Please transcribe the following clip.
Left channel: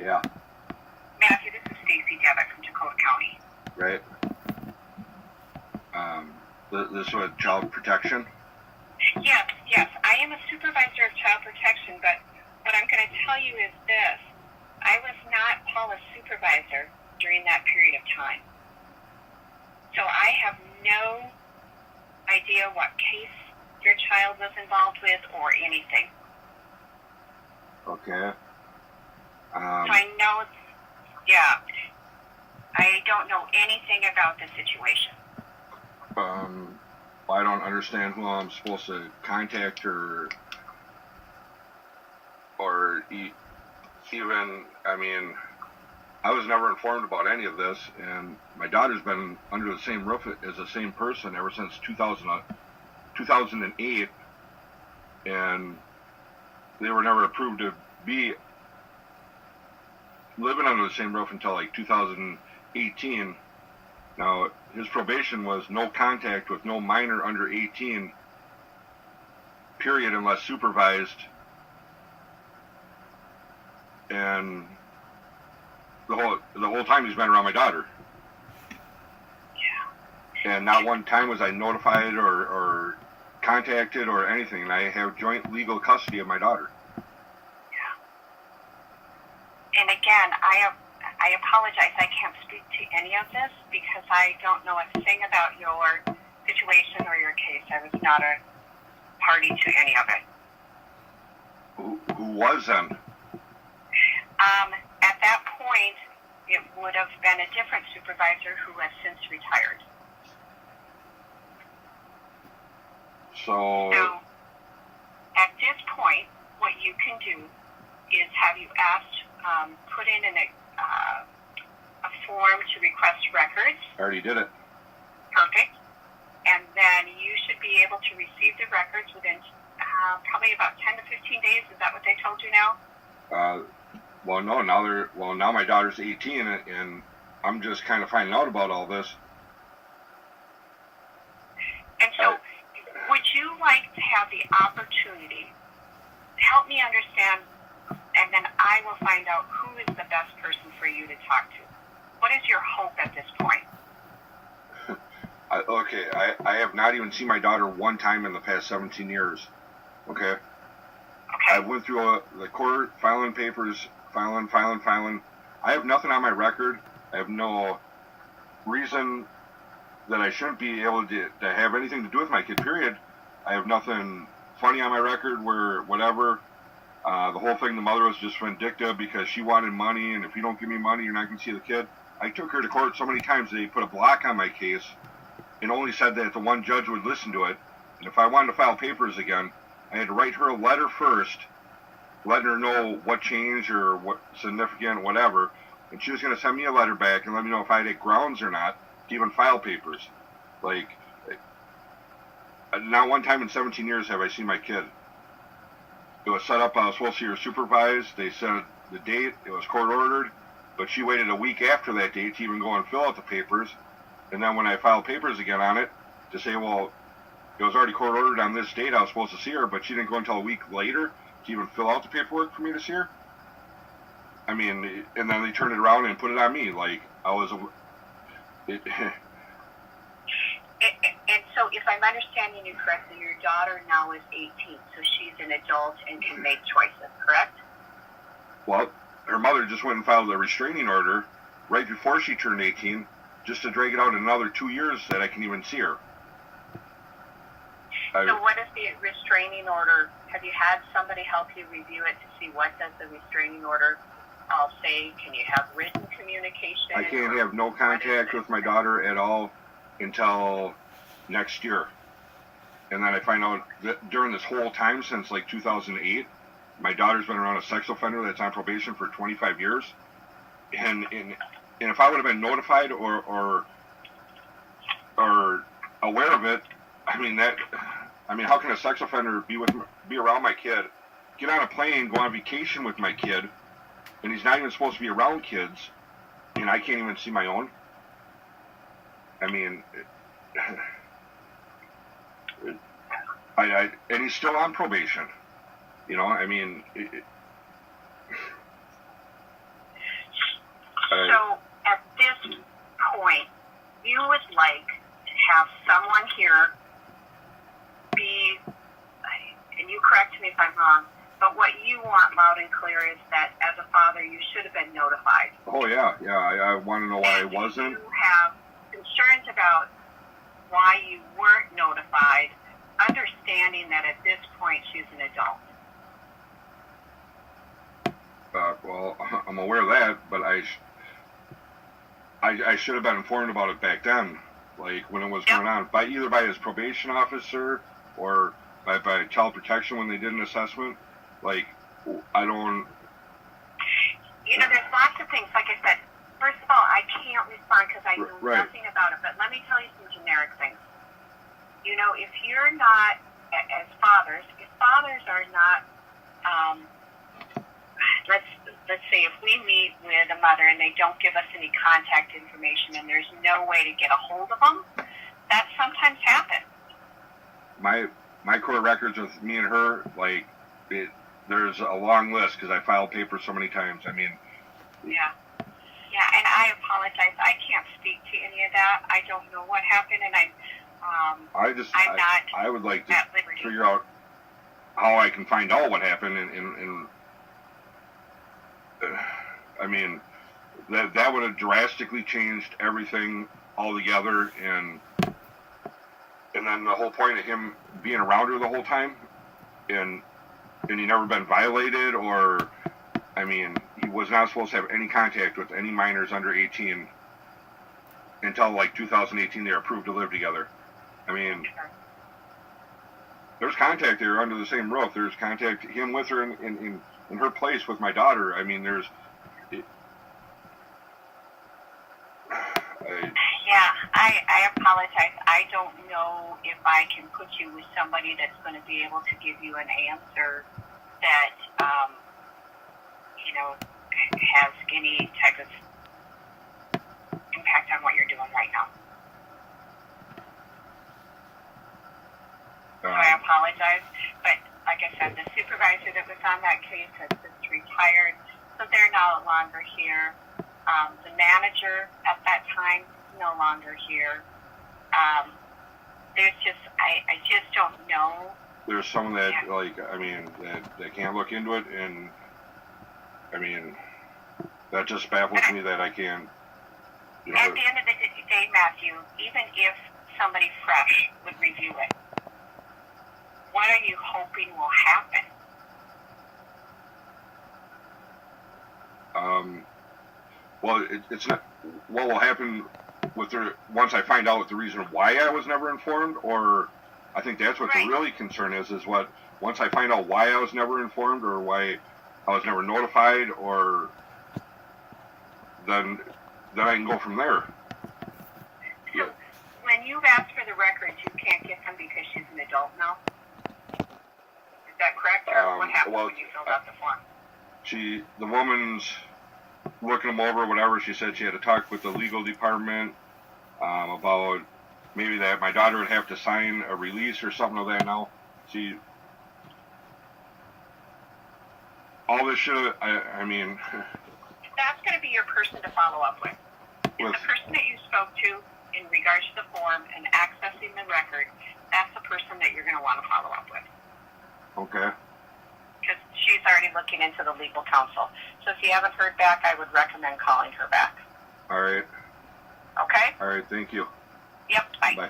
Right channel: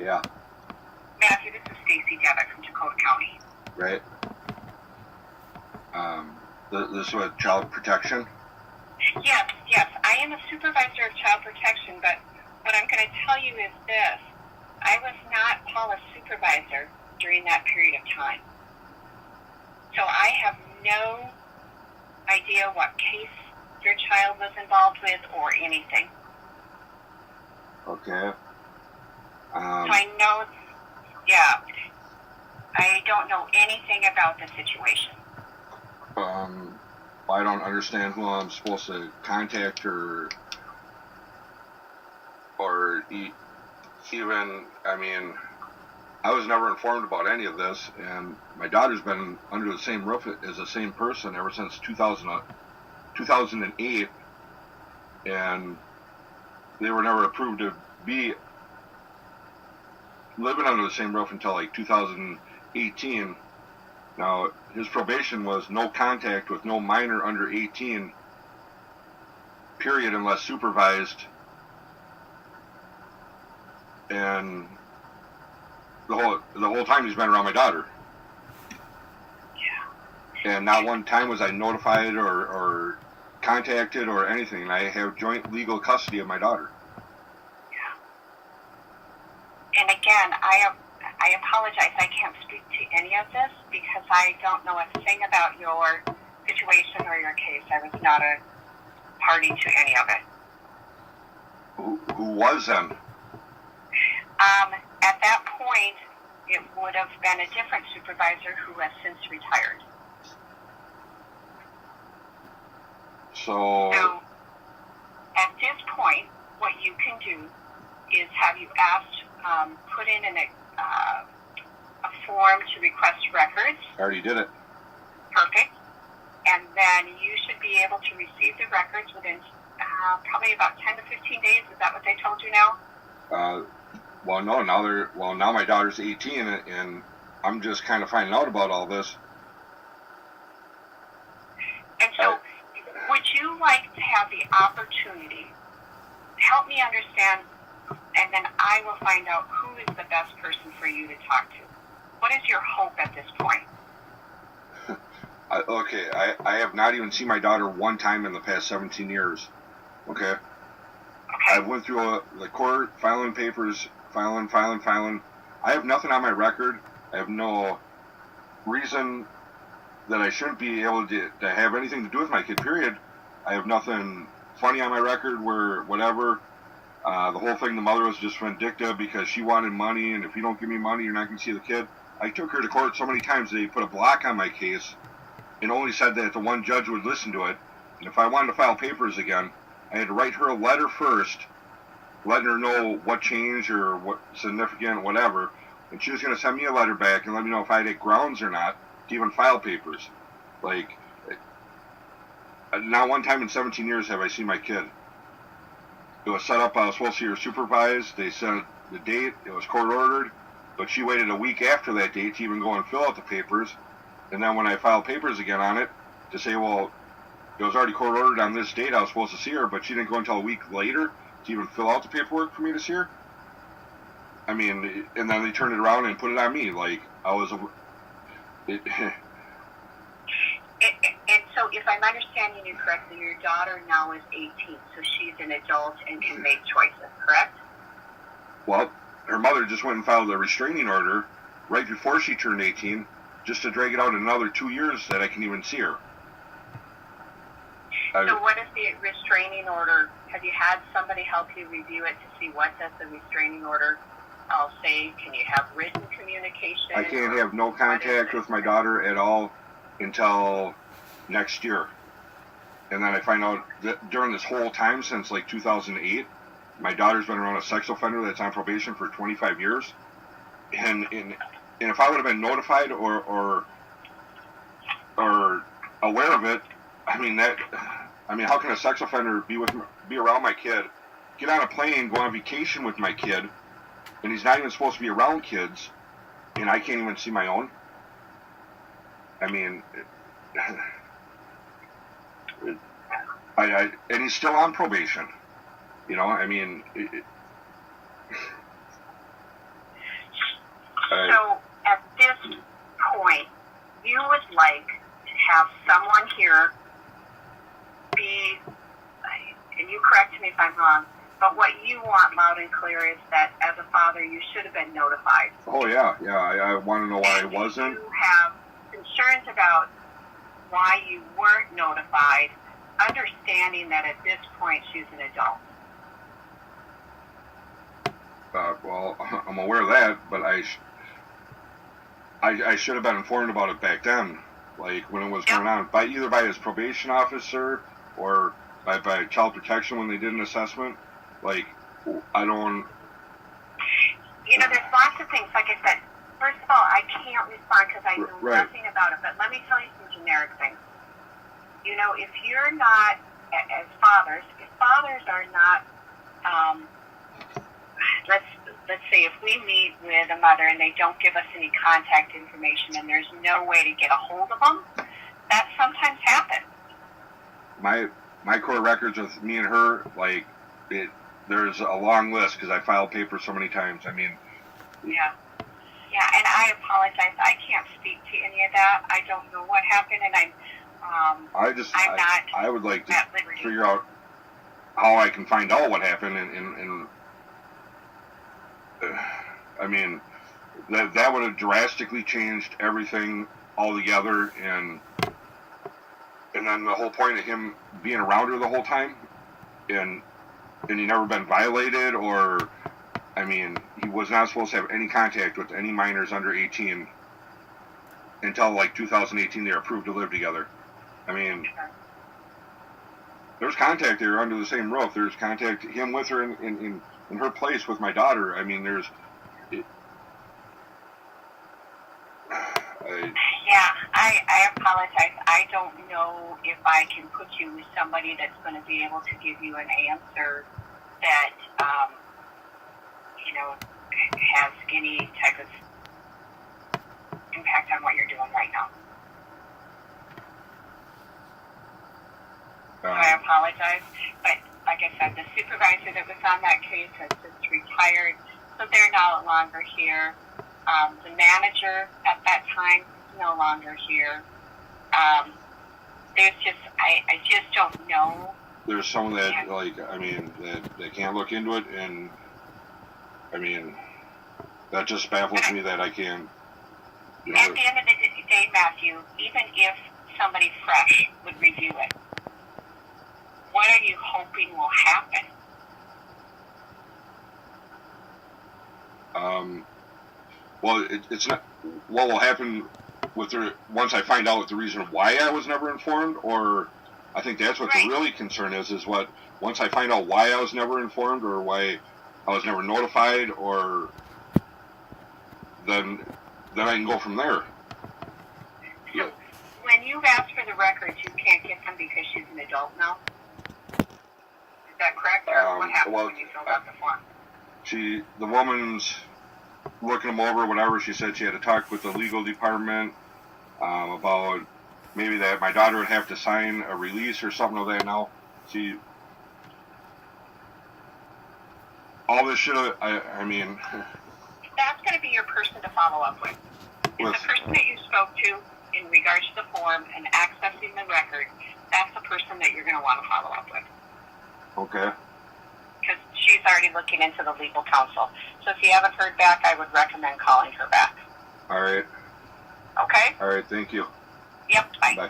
Yeah. Matthew, this is Stacy Devitt from Dakota County. Right. This was child protection? Yes. I am a supervisor of child protection, but what I'm going to tell you is this. I was not Paula's supervisor during that period of time. So I have no idea what case your child was involved with or anything. Okay. So I know, I don't know anything about the situation. I don't understand who I'm supposed to contact or even, I mean, I was never informed about any of this, and my daughter's been under the same roof as the same person ever since 2008, and they were never approved to be living under the same roof until like 2018. Now, his probation was no contact with no minor under 18, period, unless supervised. And the whole time he's been around my daughter. Yeah. And not one time was I notified or contacted or anything. And I have joint legal custody of my daughter. Yeah. And again, I apologize. I can't speak to any of this because I don't know a thing about your situation or your case. I was not a party to any of it. Who was then? At that point, it would have been a different supervisor who has since retired. So at this point, what you can do is have you asked, put in a form to request records. I already did it. Perfect. And then you should be able to receive the records within probably about 10 to 15 days. Is that what they told you now? Well, no. Now my daughter's 18, and I'm just kind of finding out about all this. And so, would you like to have the opportunity? Help me understand, and then I will find out who is the best person for you to talk to. What is your hope at this point? I have not even seen my daughter one time in the past 17 years. Okay. I went through the court, filing papers, filing. I have nothing on my record. I have no reason that I shouldn't be able to have anything to do with my kid, period. I have nothing funny on my record where whatever. The whole thing, the mother was just vindictive because she wanted money, and if you don't give me money, you're not going to see the kid. I took her to court so many times they put a block on my case and only said that the one judge would listen to it. And if I wanted to file papers again, I had to write her a letter first, letting her know what changed or what significant, whatever. And she was going to send me a letter back and let me know if I had grounds or not to even file papers. Like, not one time in 17 years have I seen my kid. It was set up, I was supposed to see her supervised. They set the date, it was court ordered, but she waited a week after that date to even go and fill out the papers. And then when I filed papers again on it, to say, well, it was already court ordered on this date, I was supposed to see her, but she didn't go until a week later to even fill out the paperwork for me to see her. I mean, and then they turned it around and put it on me, like I was And so if I'm understanding you correctly, your daughter now is 18, so she's an adult and can make choices, correct? Well, her mother just went and filed a restraining order right before she turned 18, just to drag it out another 2 years that I can even see her. So what is the restraining order? Have you had somebody help you review it to see what does the restraining order say? Can you have written communication? I can't have no contact with my daughter at all until next year. And then I find out that during this whole time since like 2008, my daughter's been around a sex offender that's on probation for 25 years. And if I would have been notified or aware of it, I mean, how can a sex offender be around my kid, get on a plane, go on vacation with my kid, and he's not even supposed to be around kids, and I can't even see my own? I mean, and he's still on probation. You know, I mean, So at this point, you would like to have someone here be, and you correct me if I'm wrong, but what you want loud and clear is that as a father, you should have been notified. Oh, yeah. I want to know why I wasn't. You have concerns about why you weren't notified, understanding that at this point she's an adult. Well, I'm aware of that, but I should have been informed about it back then, like when it was going on, either by his probation officer or by child protection when they did an assessment. Like, I don't. You know, there's lots of things. Like I said, first of all, I can't respond because I know nothing about it. But let me tell you some generic things. You know, if you're not, as fathers, if fathers are not, let's say if we meet with a mother and they don't give us any contact information and there's no way to get a hold of them, that sometimes happens. My court records with me and her, like, there's a long list because I filed papers so many times. I mean. Yeah, and I apologize. I can't speak to any of that. I don't know what happened, and I would like to figure out how I can find out what happened, and I mean, that would have drastically changed everything altogether, and then the whole point of him being around her the whole time, and he never been violated, or, I mean, he was not supposed to have any contact with any minors under 18 until, like, 2018 they were approved to live together. I mean, there's contact there under the same roof. There's contact, him with her in her place with my daughter. I mean, I apologize. I don't know if I can put you with somebody that's going to be able to give you an answer that, you know, has any type of impact on what you're doing right now. So I apologize, but like I said, the supervisor that was on that case has since retired, so they're no longer here. The manager at that time is no longer here. There's just, I just don't know. There's someone that, like, I mean, that can't look into it, and, I mean, that just baffles me that I can't, you know. At the end of the day, Matthew, even if somebody fresh would review it, what are you hoping will happen? Well, it's not. What will happen with once I find out the reason why I was never informed, or I think that's what the really concern is what once I find out why I was never informed or why I was never notified, or then I can go from there. So when you ask for the records, you can't get them because she's an adult now? Is that correct, or what happened when you filled out the form? The woman's looking them over, whatever. She said she had to talk with the legal department about maybe that my daughter would have to sign a release or something of that. Now, all this should have, I mean. That's going to be your person to follow up with. Is the person that you spoke to in regards to the form and accessing the record, that's the person that you're going to want to follow up with. Okay. Because she's already looking into the legal counsel. So if you haven't heard back, I would recommend calling her back. All right. Okay? All right, thank you. Yep, bye. Bye.